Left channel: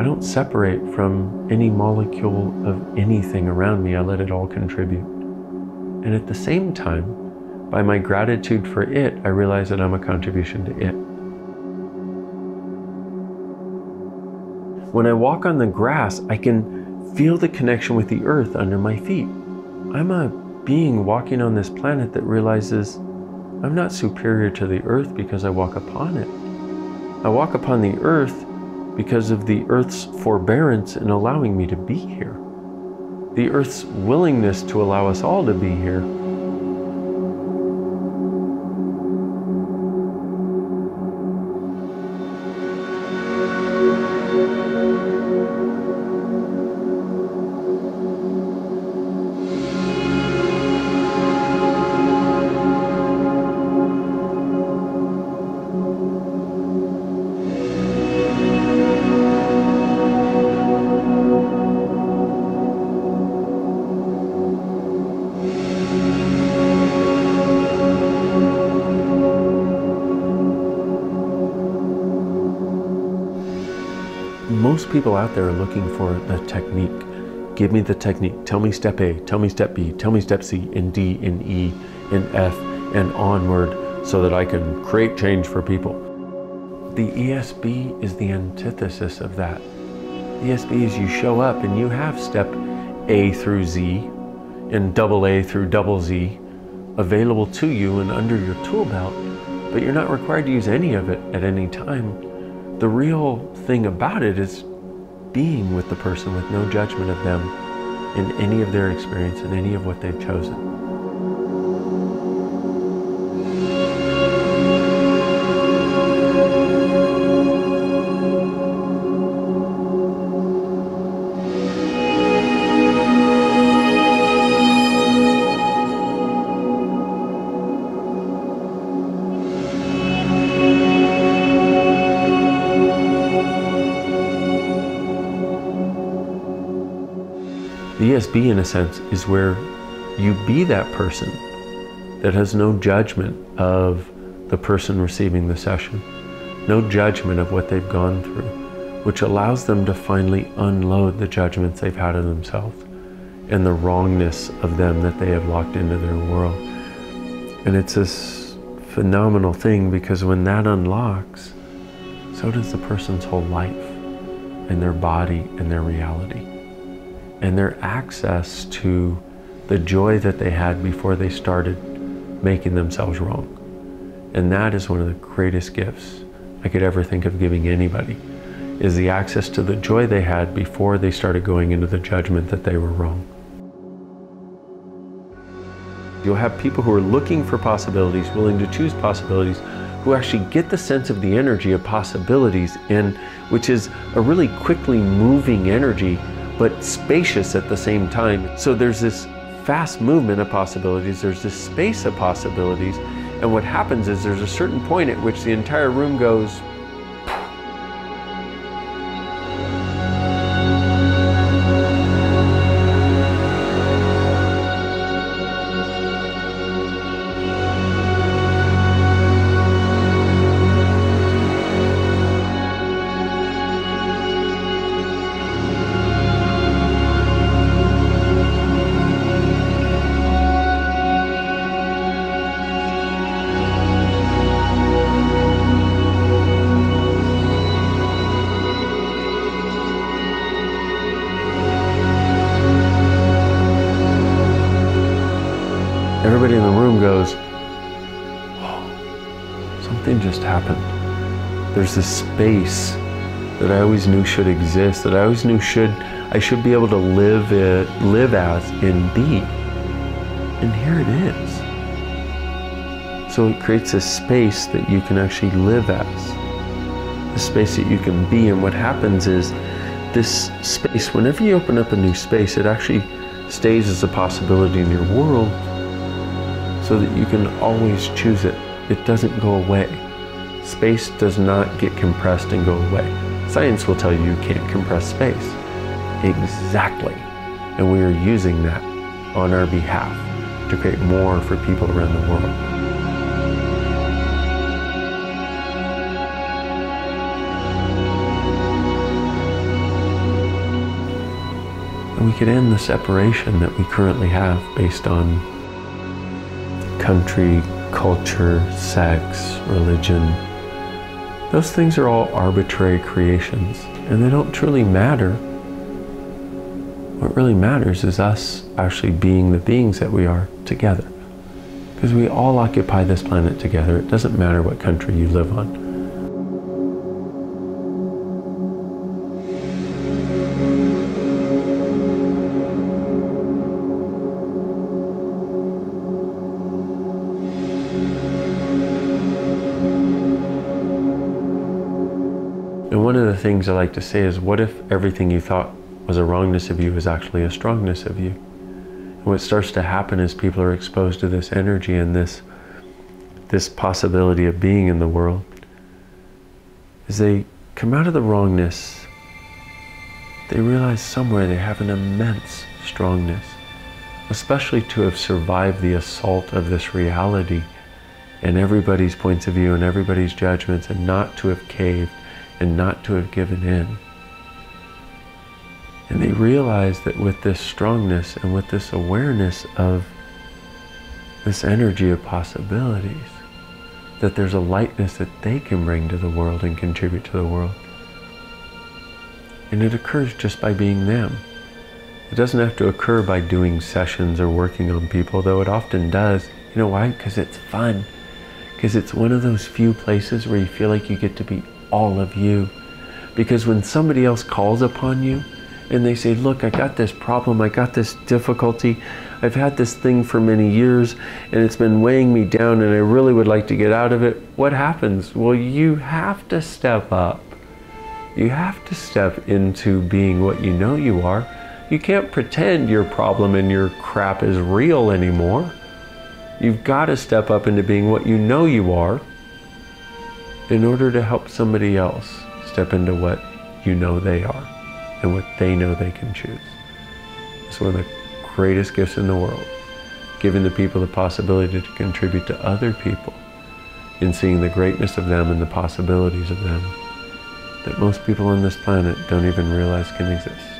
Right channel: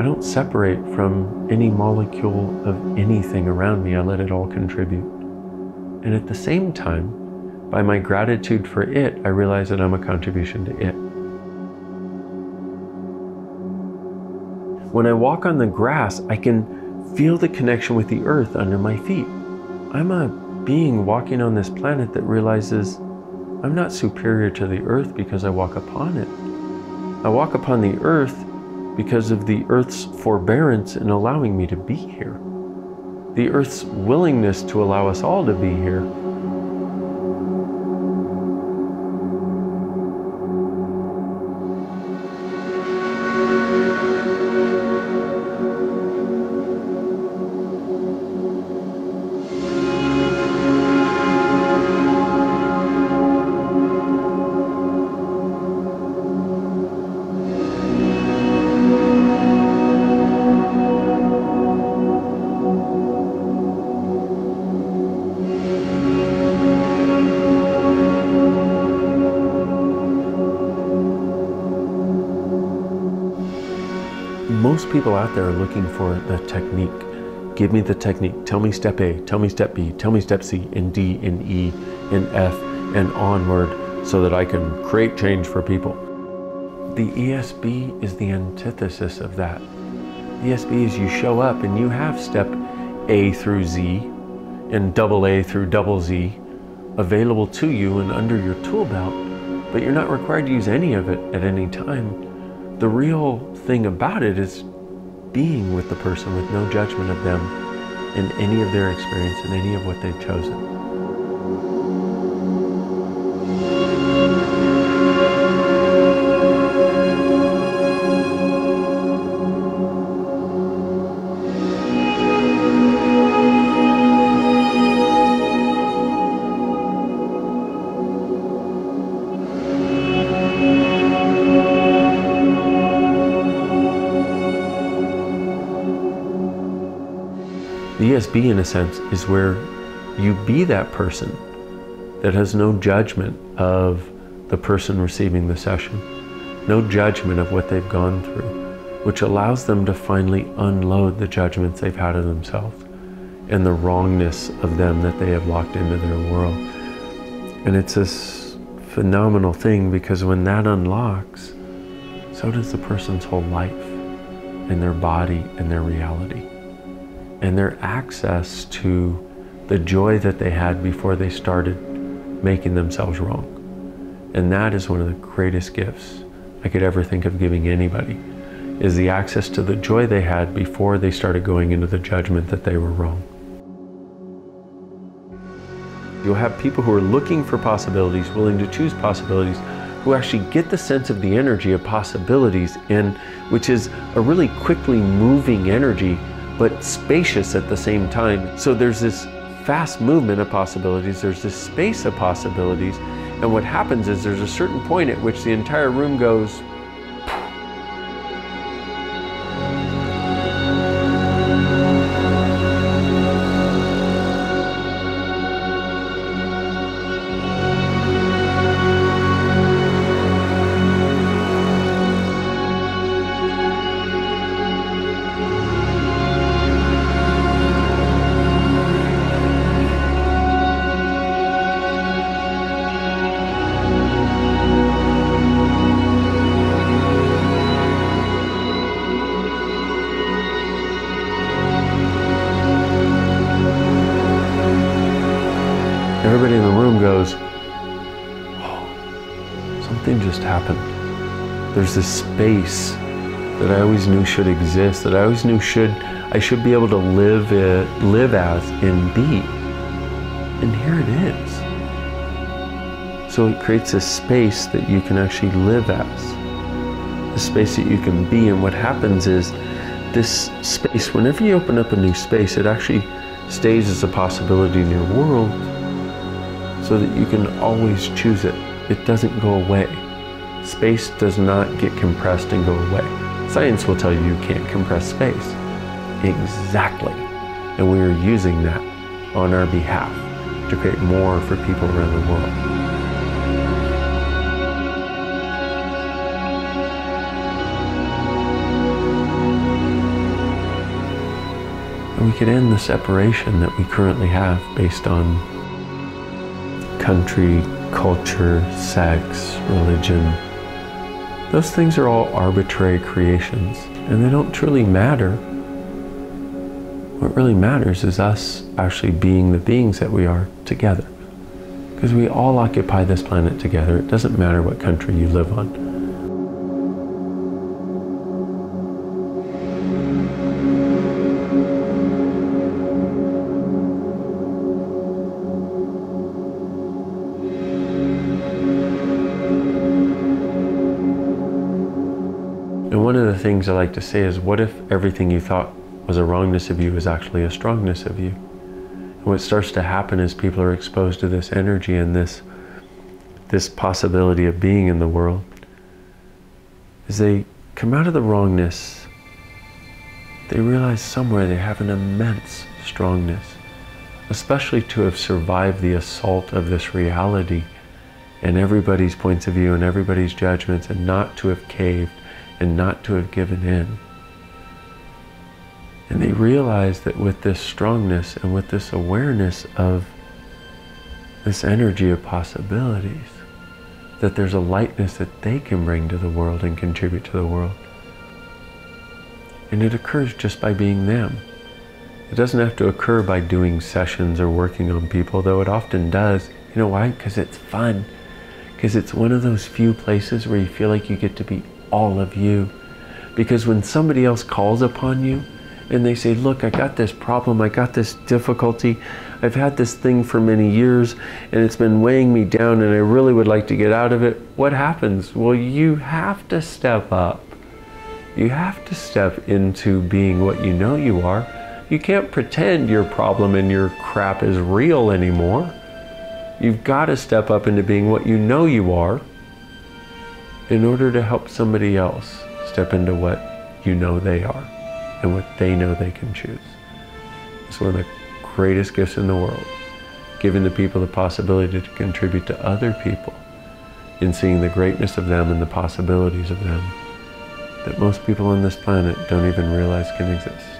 I don't separate from any molecule of anything around me. I let it all contribute. And at the same time, by my gratitude for it, I realize that I'm a contribution to it. When I walk on the grass, I can feel the connection with the earth under my feet. I'm a being walking on this planet that realizes I'm not superior to the earth because I walk upon it. I walk upon the earth because of the earth's forbearance in allowing me to be here. The earth's willingness to allow us all to be here. Most people out there are looking for the technique. Give me the technique. Tell me step A, tell me step B, tell me step C, and D, and E, and F, and onward so that I can create change for people. The ESB is the antithesis of that. The ESB is you show up and you have step A through Z and double A through double Z available to you and under your tool belt, but you're not required to use any of it at any time. The real thing about it is being with the person with no judgment of them in any of their experience and any of what they've chosen. The ESB, in a sense, is where you be that person that has no judgment of the person receiving the session, no judgment of what they've gone through, which allows them to finally unload the judgments they've had of themselves and the wrongness of them that they have locked into their world. And it's this phenomenal thing, because when that unlocks, so does the person's whole life and their body and their reality, and their access to the joy that they had before they started making themselves wrong. And that is one of the greatest gifts I could ever think of giving anybody, is the access to the joy they had before they started going into the judgment that they were wrong. You'll have people who are looking for possibilities, willing to choose possibilities, who actually get the sense of the energy of possibilities, and which is a really quickly moving energy, but spacious at the same time. So there's this fast movement of possibilities, there's this space of possibilities, and what happens is there's a certain point at which the entire room goes, everybody in the room goes, oh, something just happened. There's this space that I always knew should exist, that I always knew I should be able to live as and be. And here it is. So it creates a space that you can actually live as, a space that you can be. And what happens is this space, whenever you open up a new space, it actually stays as a possibility in your world, so that you can always choose it. It doesn't go away. Space does not get compressed and go away. Science will tell you you can't compress space. Exactly. And we are using that on our behalf to create more for people around the world. And we could end the separation that we currently have based on country, culture, sex, religion. Those things are all arbitrary creations, and they don't truly matter. What really matters is us actually being the beings that we are together. Because we all occupy this planet together. It doesn't matter what country you live on. And one of the things I like to say is, what if everything you thought was a wrongness of you is actually a strongness of you? And what starts to happen is people are exposed to this energy and this possibility of being in the world. As they come out of the wrongness, they realize somewhere they have an immense strongness, especially to have survived the assault of this reality and everybody's points of view and everybody's judgments, and not to have caved and not to have given in. And they realize that with this strongness and with this awareness of this energy of possibilities, that there's a lightness that they can bring to the world and contribute to the world. And it occurs just by being them. It doesn't have to occur by doing sessions or working on people, though it often does. You know why? Because it's fun. Because it's one of those few places where you feel like you get to be all of you. Because when somebody else calls upon you and they say, look, I got this problem, I got this difficulty, I've had this thing for many years and it's been weighing me down and I really would like to get out of it, what happens? Well, you have to step up. You have to step into being what you know you are. You can't pretend your problem and your crap is real anymore. You've got to step up into being what you know you are in order to help somebody else step into what you know they are and what they know they can choose. It's one of the greatest gifts in the world, giving the people the possibility to contribute to other people in seeing the greatness of them and the possibilities of them that most people on this planet don't even realize can exist.